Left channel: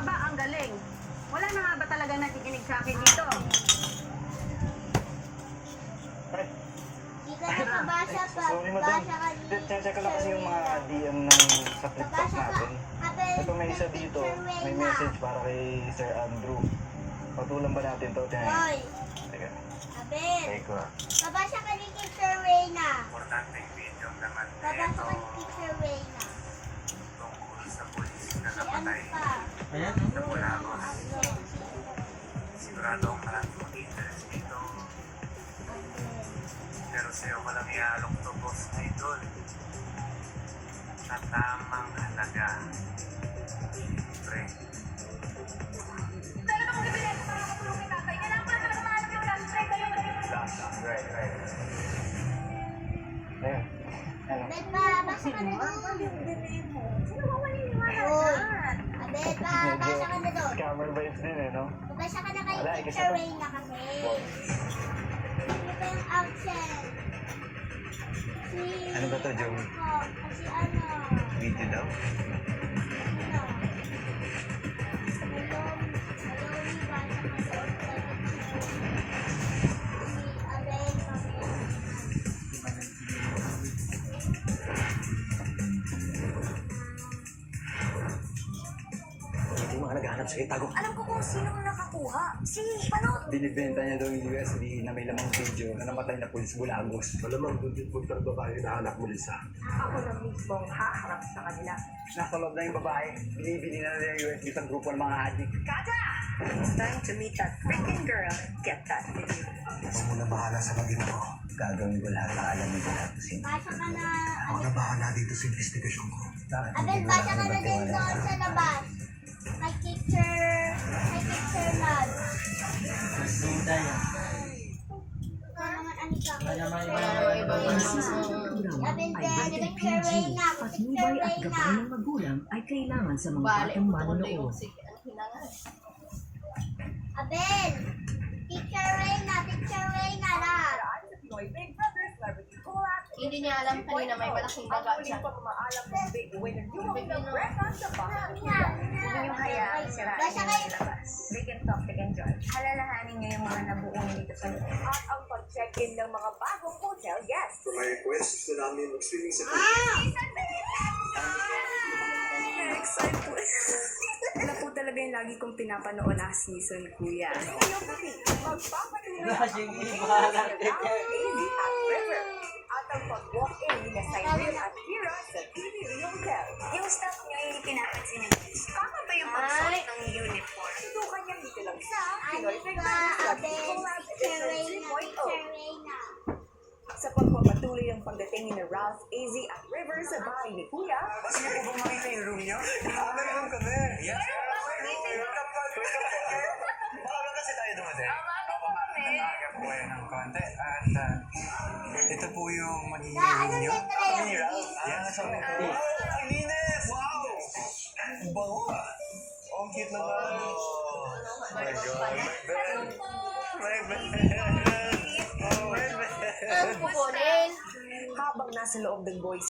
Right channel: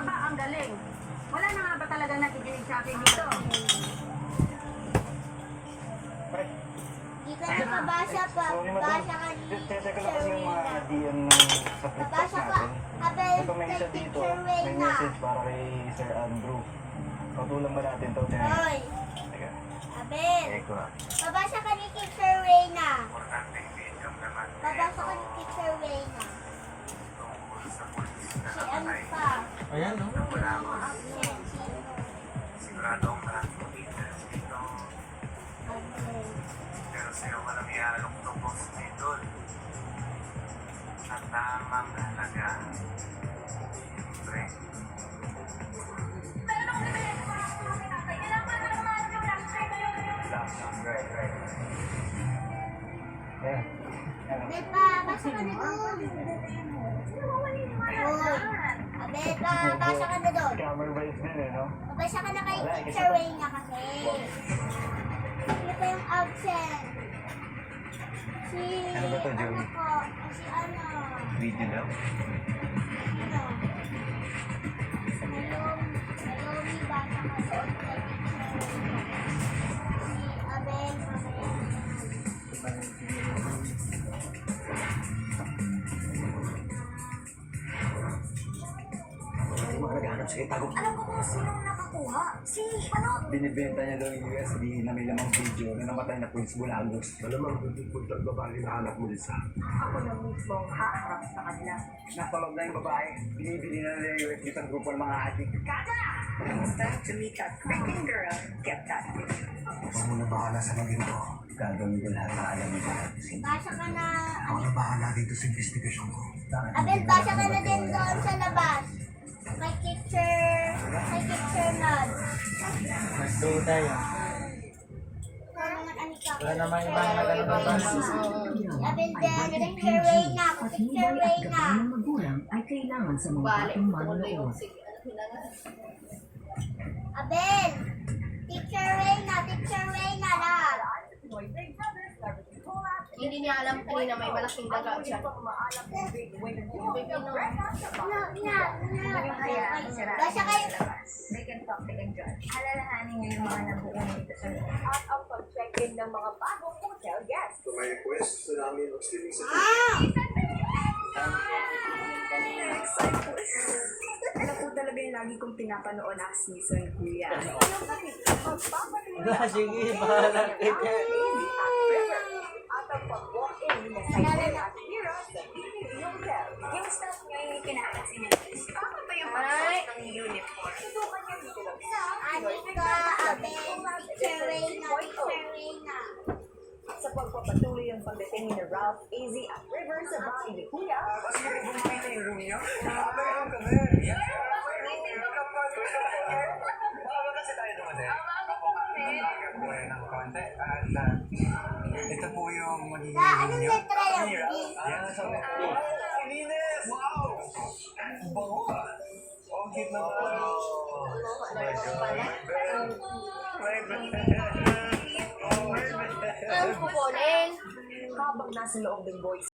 Aba, ang galing. Wala na nga ba talaga nakikinig sa akin dito? Di ka nakabasa pa. Sorry, madam. Basa ka ni Check ko lang kasi yung mga Sherwina. DM sa TikTok Nabasa ka. natin. Abel, Ito may isa kay dito, Teacher may Reyna. message para kay Sir Andrew. Patulang ba natin ito? Tingnan. Hoy, Teka, Abel. Eko. Nabasa ka ni Teacher Reyna. Importanteng video naman Nabasa ka ni Teacher Reyna. tungkol sa pulis na Si ano namatay. pa? Ayan, no? Wala ko. Abel. Sigurado ang maraming mag-interest dito. Abel. Pero sa'yo ko lang iaalok to, boss na idol. Sa tamang halaga. Siyempre. Right. Ayan. Ayan. Abel pa, basa ka na doon. Hoy, Abel pa, basa ka na doon. Scammer vibes din eh, no? Mabasa ka na kay Wala, Teacher Reyna kasi. Ano pa yung absent? Si... Ano ba to, Joey? Ano po? Si ano? Video daw. Ano? Si Malone, basa ka doon kay Teacher Reyna. Si Abel, Hindi mo naghahanap sa itago. Alam ko kung sino nakakuha. Si ano? Binibenta niya daw yung USB na may lamang video na namatay na pulis Bulagos. Malamang puntit-puntit ang babae na anak mo, Lisa. Ako na mismo ang haharap sa kanila. Nasa loob na yung babae. Binibili na nila yung USB sa grupo ng mga adik. It's time to meet that freaking girl. Get that video. Huwag mo na bahala sa maging ko. Gagawin ko lahat ng alam mo lahat. basa ka na... Ako na bahala dito sa investigasyon ko. Abel, basa ka na din doon sa labas. Kay Teacher Nad. Go tayo. Wala naman ano pa. Wala naman ibang Abel din, Teacher Reyna. Teacher Reyna. magulang ay kailangan sa mga Bale, batang puto na yung manonood. sige. Ano pinangan? Abel! Teacher Reyna lahat. Hindi niya alam kanina may malaking daga dyan. Basa kayo. They can talk, they can judge. Alalahanin niyo yung mga nabuo dito sa loob. At ang pag-check-in ng mga bagong hotel guests. Kung may request, gusto namin mag-swimming sa Ano po talaga yung lagi kong pinapanood last season, kuya? Sige, bahala ka. At ang pag-walk-in ni Saiden at Kira sa PBB Hotel. Yung staff niyo yung pinapansin niyo. Tama ba yung pagsuot ng uniform? Susukan niyo dito lang sa Anika, Abel, Teacher Reyna. sa pagpapatuloy ang pagdating ni Ralph, AZ at River sa bahay ni Kuya. Kasi mo ba bumakita yung room niyo? Maaga naman kami. Maaga kasi tayo dumating. Maaga po ng konti. At ito po yung magiging Sa room anong niyo. letra yun? B? Yan, sa mga po. Ay, linis! Wow! Ang bango ah. Oh, ang cute naman. Oh my God. Ang kukunin. Habang nasa loob ng boys